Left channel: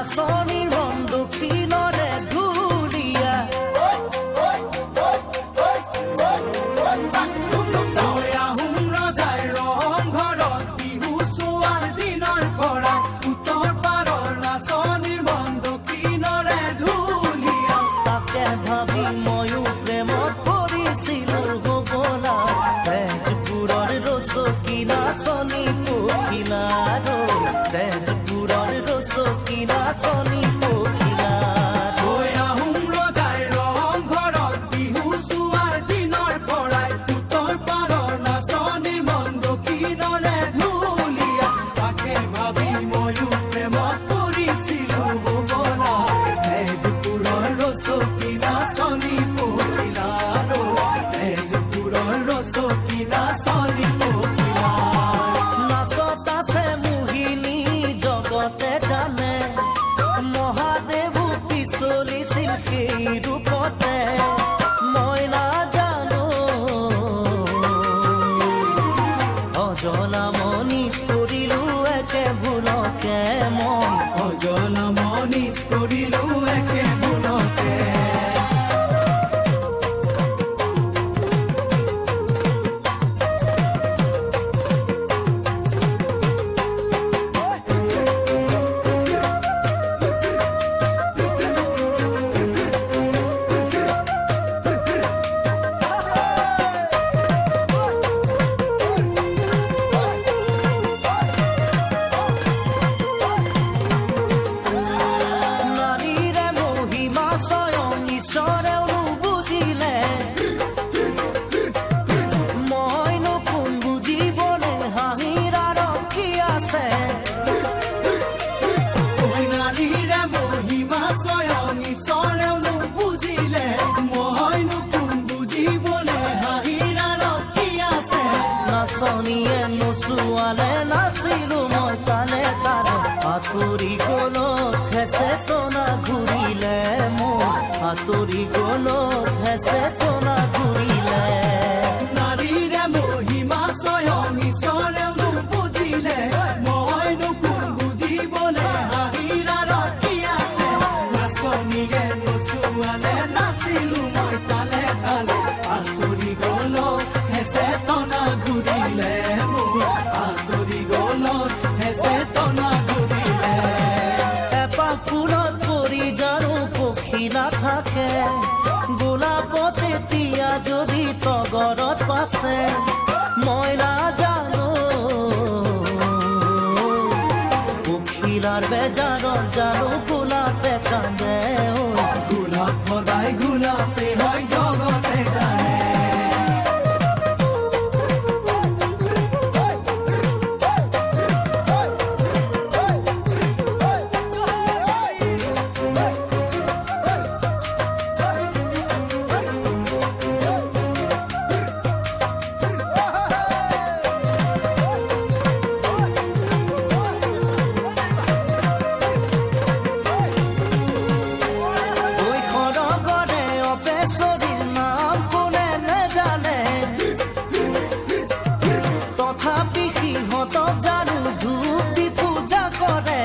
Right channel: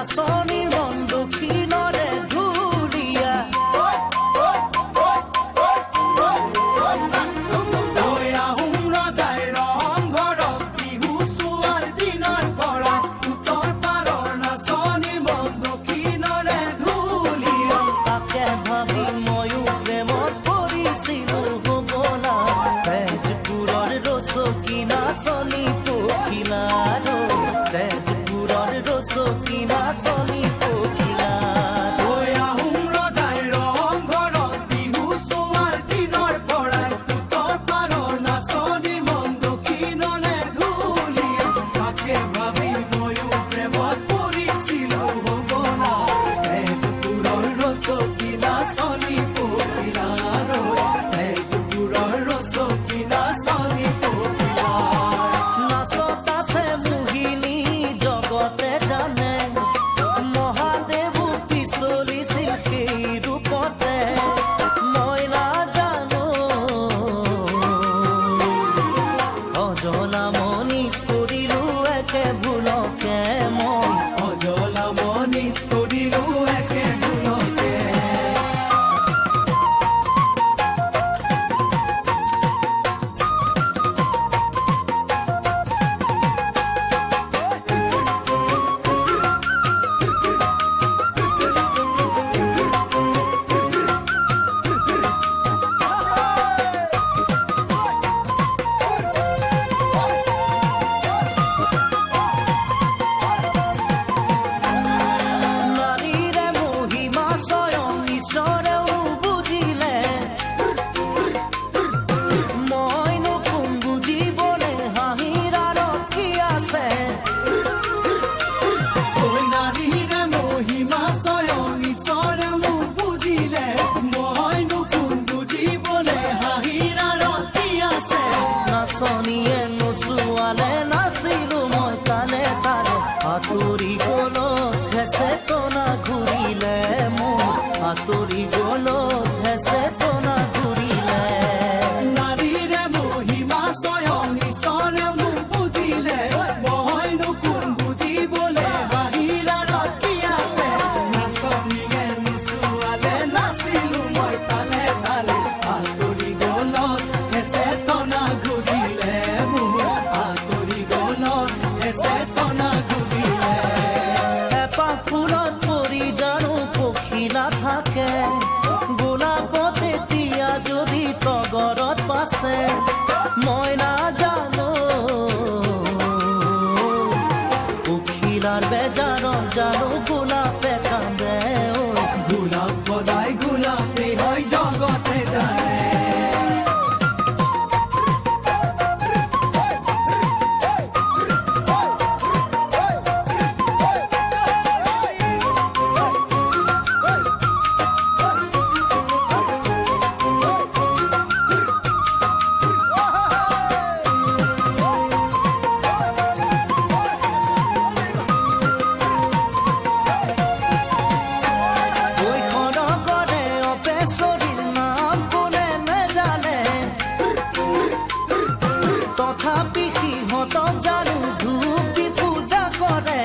নাচনিৰ মন দক্ষিণৰে ধুলীয়া ভাবি ময়ো প্ৰেমত পৰিছিলো হ'বলা তেজপুৰৰ ৰচকী নাচনী পখিলা তেজপুৰৰ ৰচকী নাচনী পখিলা নাচত আছে মোহিনী জগতে জানে মহাদেৱো পিছলিছিল সেই ৰূপতে মই নাজানো অজলা মনিচ কৰিলো একে ভুলকে মই অজলা মনিচ কৰিলো একে ভুলকে ঈশ্বৰেও নুবুজিলে মইনো কোন বুজিবলে হাঁহিৰ আঁৰত কি আছে নাৰীৰে মহিমা স্বয়ং ঈশ্বৰেও নুবুজিলে মইনো কোন বুজিবলে হাঁহিৰ আঁৰত কি আছে নাচনীয়ে নচুৱালে নাচিলো মই তালে তালে আঁতৰি গলত হেঁচে টনা ঘূৰিলে মোৰ আঁতৰি গলত হেঁচে টনা ঘূৰিলে নাৰীৰে মহিমা স্বয়ং ঈশ্বৰেও নুবুজিলে মইনো কোন বুজিবলে হাঁহিৰ আঁৰত কি আছে নাচনীয়ে নচুৱালে নাচিলো মই তালে তালে আঁতৰি গলত হেঁচে টনা ঘূৰিলে মোৰ আঁতৰি গলত হেঁচে টনা ঘূৰিলে এপাহ ফুলত পৰি জানো পক্ষী নাথাকে গোলাপত এতিয়া যদি তগৰত পাছে মই নাজানো পখিলাৰ বেজাৰত জানো গোলাপে কান্দে গোলাপ সদায় গোলাপে হয় জগতে জানে বেচৰীৰ নাম কোনে নেজানে তথাপি সিহঁতক জানো ধূপ দি পূজা কৰে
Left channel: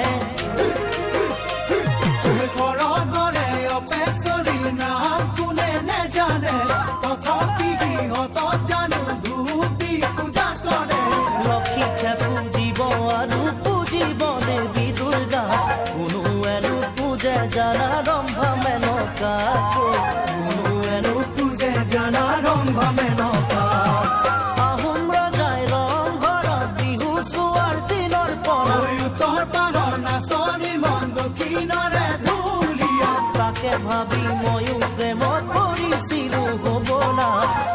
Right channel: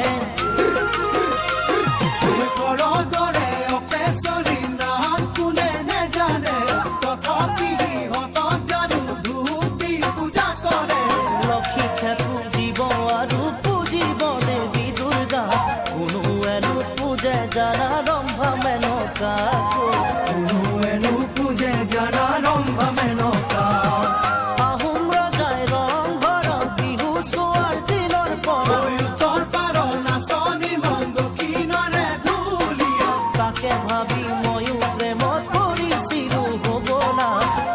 বেচৰীৰ নাম কোনে নেজানে তথাপি সিহঁতক জানো ধূপ দি পূজা কৰে লক্ষীকে পূজিব আৰু পূজিব দেৱী দুৰ্গা কোনো এনো পূজে জানা ৰম্ভা মেনকাকৈ পূজে জানা ৰম্ভা মেনকা আহোম ৰজাই ৰংঘৰত বিহু চোৱাৰ দিনৰ পৰা উত্তৰ পাৰৰ নাচনীৰ মন দক্ষিণৰে ধুলীয়া তাকে ভাবি ময়ো প্ৰেমত পৰিছিলো হ'বলা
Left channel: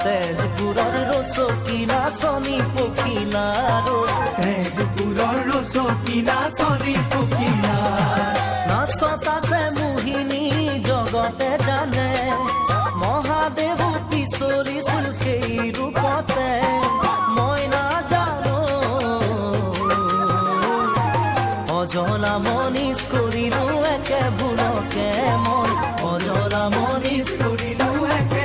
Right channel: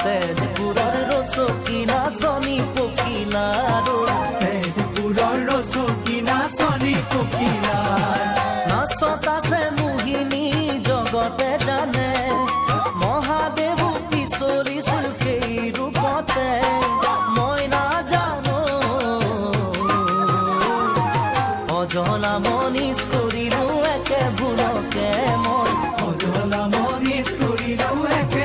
তেজপুৰৰ ৰচকী নাচনী পখিলা তেজপুৰৰ ৰচকী নাচনী পখিলা নাচত আছে মোহিনী জগতে জানে মহাদেৱো পিছলিছিল সেই ৰূপতে মই নাজানো অজলা মনিচ কৰিলো একে ভুলকে মই অজলা মনিচ কৰিলো একে